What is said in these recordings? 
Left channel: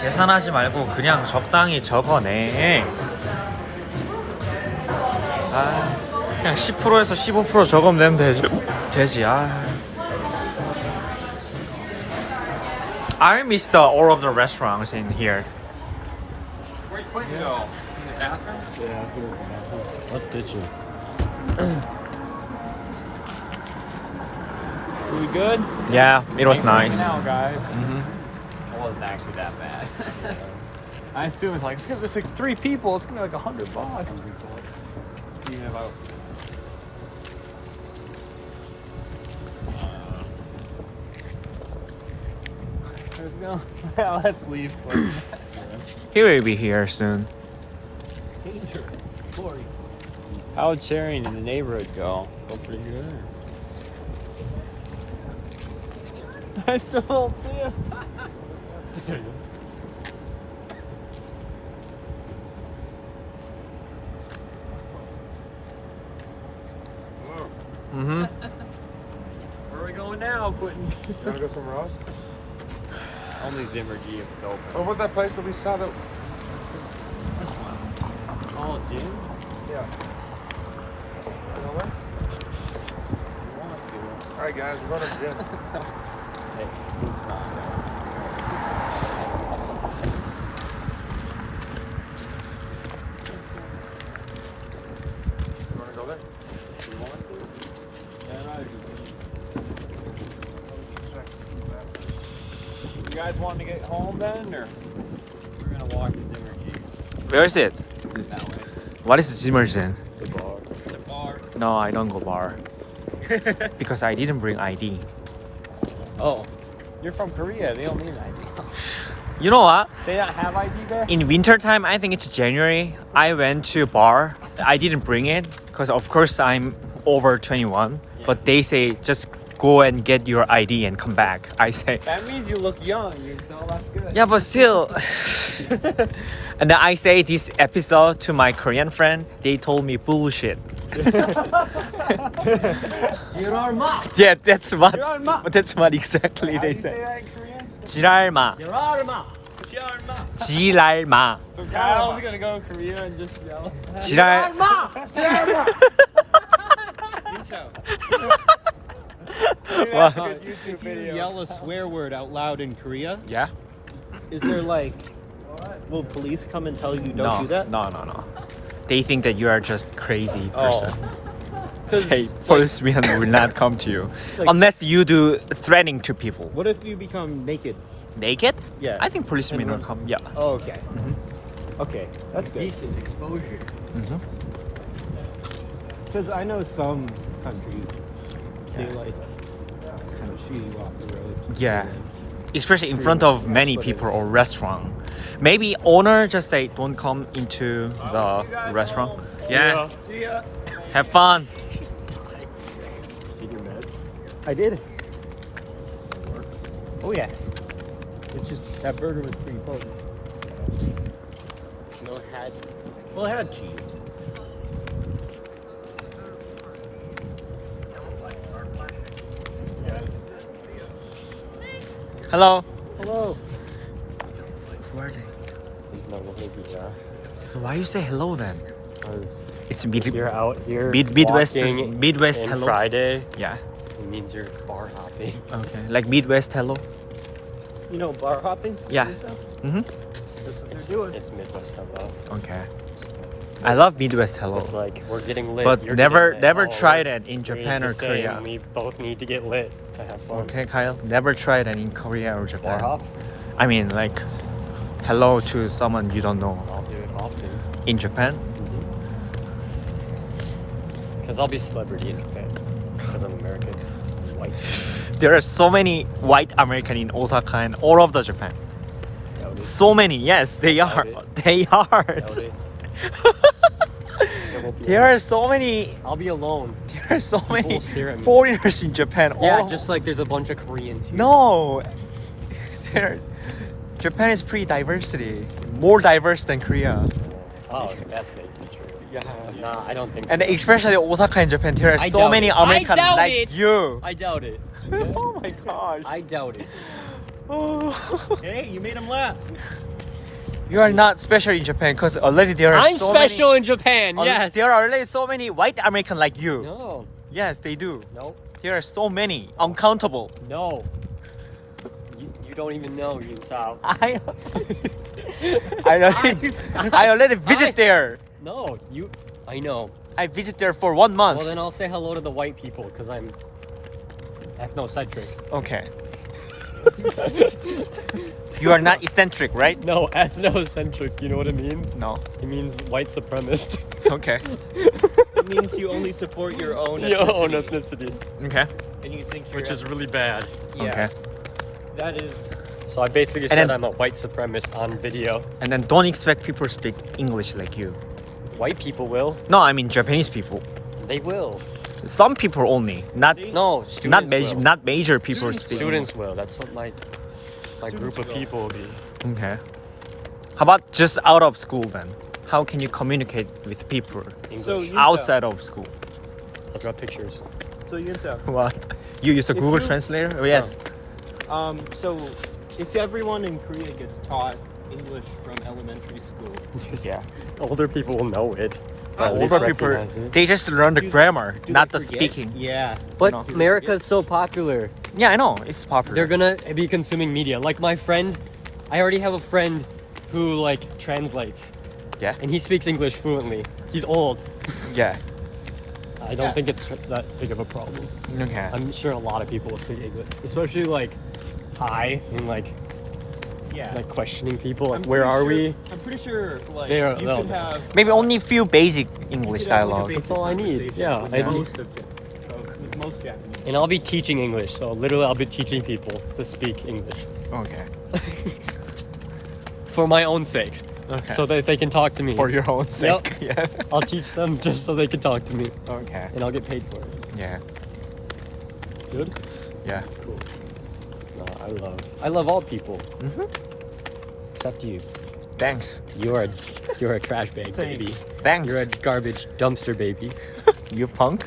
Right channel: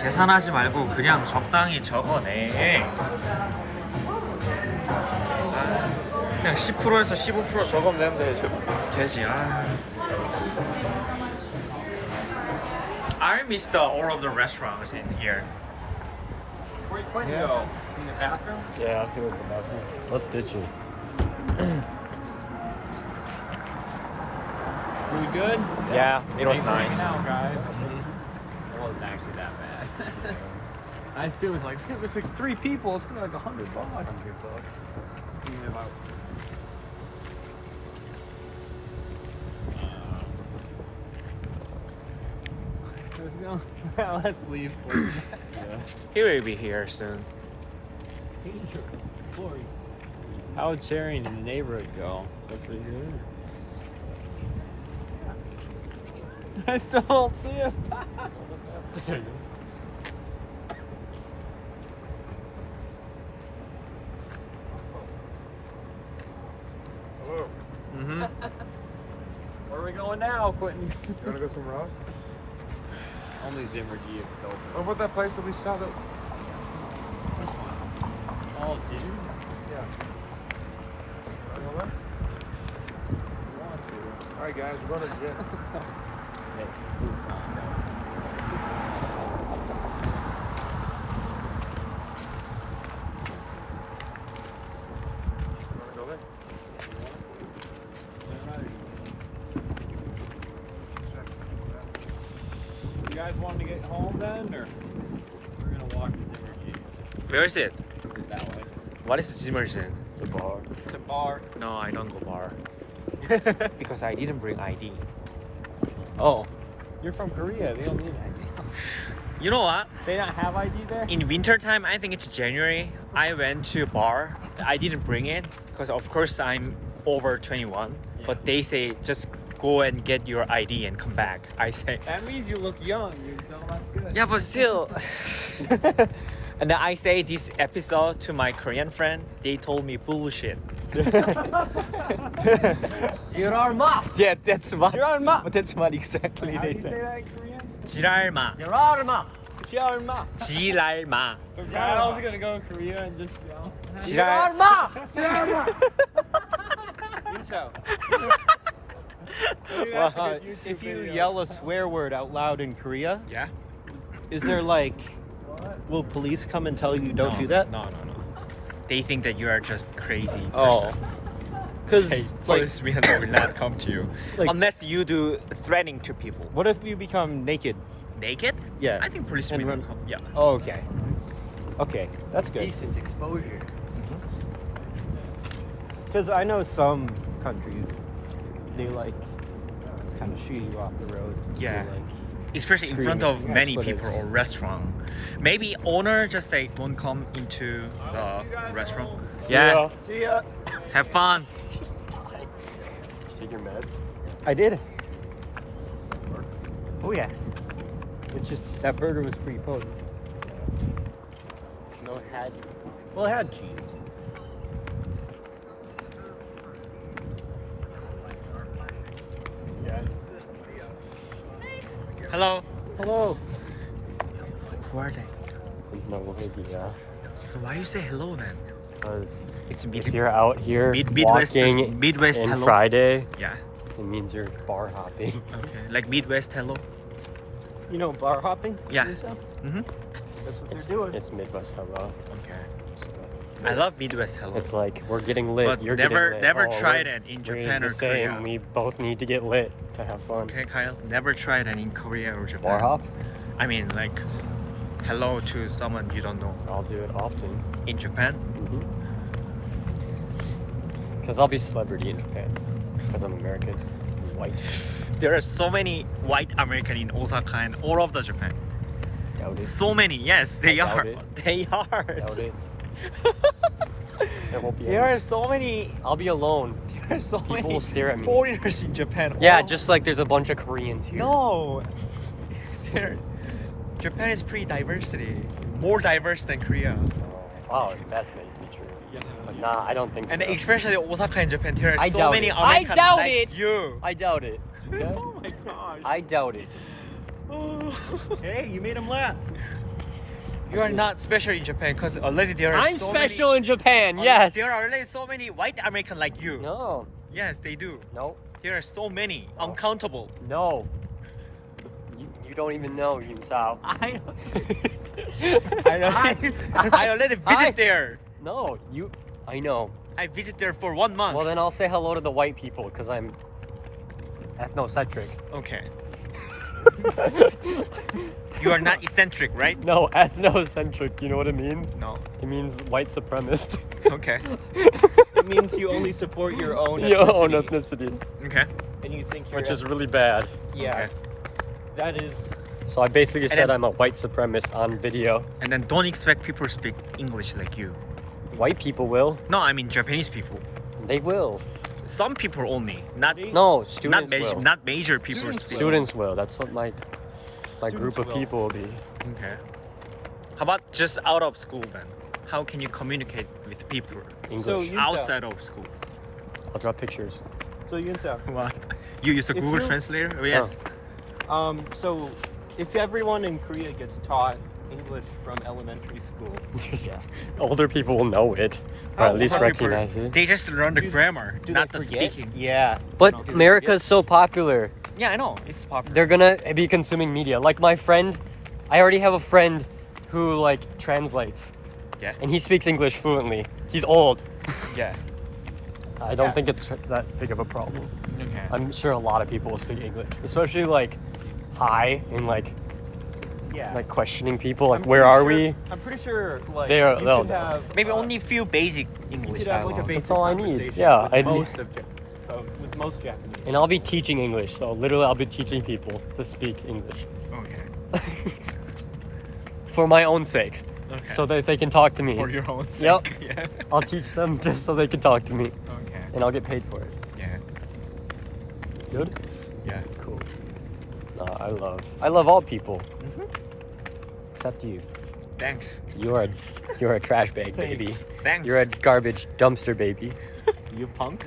계산하지 말고 그냥 적당히 적어내. 아, 그냥 10%에서 15% 적으면 되지. I missed all of the restaurants in here. Where you plan to go? In the bathroom? Yeah, I feel the bathroom. Let's ditch it. We good? Yeah, it was nice. Now, guys. It wasn't actually that bad. I assume it's like 3 people. It's gonna be like $100. Even about Let's go. yeah, let's leave. He will be here soon. How'd sharing in the neighborhood go? Pretty good. I still don't see him. There it is. Hello. Mm-hmm. Where are we going now, Quentin? Wanna go somewhere else? Only Zimmer G if it's open. Over that place that we saw that. Which one? Oh, Jim? Yeah. Alright guys, we're going to the gym. You wanna go there? You guys want to get home then, or we're gonna walk to Zimmer G Where is it? that way? What is Zimmerson? To bar. No, I don't go bar. Because I didn't bring ID. Oh, you're from Korea. They don't need ID. You know what? They don't have ID there. In winter time, I think it's January, I went to bar. I didn't bring it because of course I'm over 21. But they say just go and get your ID and come back. I say, That means you look young. So that's good. yeah, but still. And then I say this episode to my Korean friend. They told me bullshit. 지랄마. Yeah, that's what. 지랄마. That's what exactly How do they you say said. that in Korean? 지랄마. 지랄마. 지랄마. 지랄마. So Kyle's gonna go in Korea and just yell. 지랄. 지랄마. What? If you yell a swear word out loud in Korea, Yeah? is there will police come and tell you don't No, do that? no. They think that you are just crazy person. Because Hey, policemen will not come to you Like- unless you do threatening to people. what if you become naked? Naked? Yeah. I think policemen And will then- come. Yeah. Oh, okay. Okay, that's good. Decent exposure. Because I know some countries, they kind of shoot you off the road. Yeah. They're Especially in front of many Expletive. people or restaurant. Maybe owner just say don't come into the restaurant. Yeah. See ya. Have fun. Take your meds. I did. Work. Oh yeah. It's just that burger was pretty cold. No, it had cheese. Guys. Hello. Hello. Who are they? It's my baby guy. So why you say hello then? Because It's if you're out here Midwest walking Midwest in hello. Friday, Yeah. it means you're bar hopping. Okay. Like Midwest hello. You know bar hopping? Yeah. Mhm. That's what they're doing. It's Midwest hello. Okay. I love Midwest hello. It's like we're getting lit. But you're never getting lit. never Oh, tried it in we're Japan or just saying Korea. We both need to get lit to have fun. Okay, Kyle. Never tried it in Korea or Bar Japan. hop? I mean, like, hello to someone you don't know I'll do it often. in Japan. Because I'll be celebrity in Japan. Because I'm American. White. There are so many white American in Osaka and all over Japan. Doubt it. So many. Yes, they are. it. They are. Doubt it. I won't be There alone. are so many. I'll be alone. There are so many will stare at me. foreigners in Japan. Yeah, all- just like there's a bunch of Koreans here. no. There, Japan is pretty diversity, more diverse than Korea. Oh, that may be true. Yeah. But nah, I don't think And so. especially Osaka and Japan, there are I so doubt many it. I Americans doubt like it. you. I doubt it. Oh my gosh. I doubt it. Oh. Hey, you made him laugh. You are not special in Japan because already there are I'm so special in Japan. many, Yes. There are already so many white American like you. No. Yes, they do. No. There are so many, uncountable. No. You don't even know, Yun Sao. I already visit there. No, I know. I visit there for 1 month. Well, then I'll say hello to the white people because I'm ethnocentric. Okay. You are not eccentric, right? No, ethnocentric. You know what it means? No. It means white supremacist. Okay. It means you only support your own Your own ethnicity. ethnicity. Okay. And you think Which is really bad. yeah, Okay. that is So I basically And said then- I'm a white supremacist on video. And then don't expect people to speak English like you. White people will. No, I mean Japanese people. They will. Some people only, not No, students will. not major people speak. Students will. That's what my group of people will be. Okay. How about just out of school then? How can you communicate with people English. you- outside of school? I'll draw pictures. so Yun Sao. What? You use a If Google you- Translator? Oh, yes. So if everyone in Korea gets taught English from elementary school, Yeah. Older people will know it. Oh, At least older people, recognize it. they just learn the Do- grammar, do not they the forget? speaking. Yeah. But No. America's so popular. Yeah, I know. It's popular. They're gonna be consuming media. Like my friend, I already have a friend who like translates, Yeah. and he speaks English fluently. He's old. Yeah. I don't Yeah. think it's that big of a problem. Okay. I'm sure a lot of people will speak English, especially like hi and like Yeah. questioning people like I'm where pretty are sure- we? I'm pretty sure like They are- you they'll could know. have Maybe only only few basic English dialogue. That's all I need. Yeah, I need. with most Japanese. And I'll be teaching English, so literally I'll be teaching people to speak English Okay. for my own sake, Okay. so that they can talk to me. for your own sake. Yep. Yeah. I'll teach them just so they can talk to me, Okay. and I'll get paid for it. Yeah. Good. Yeah. Cool. No, I love all people, Mhm. except you. Thanks. You're a trash bag baby. Thanks. You're a garbage dumpster baby. You punk.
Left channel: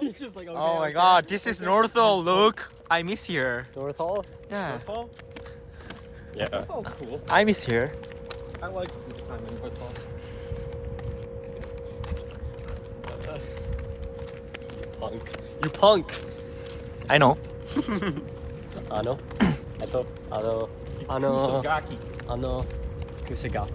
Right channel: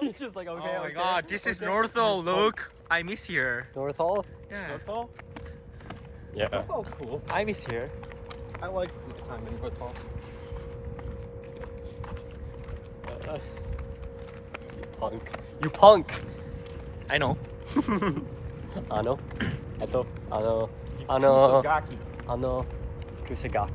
He's just like, okay, Oh my okay. god, this is Northall. Look, I miss here. North Hall? Yeah. Oh, Yeah. that's all cool. I miss here. I like the time in North Hall. You punk. I know. Ano? Ito. Ano? Kusagaki. Ano? Kusagaki.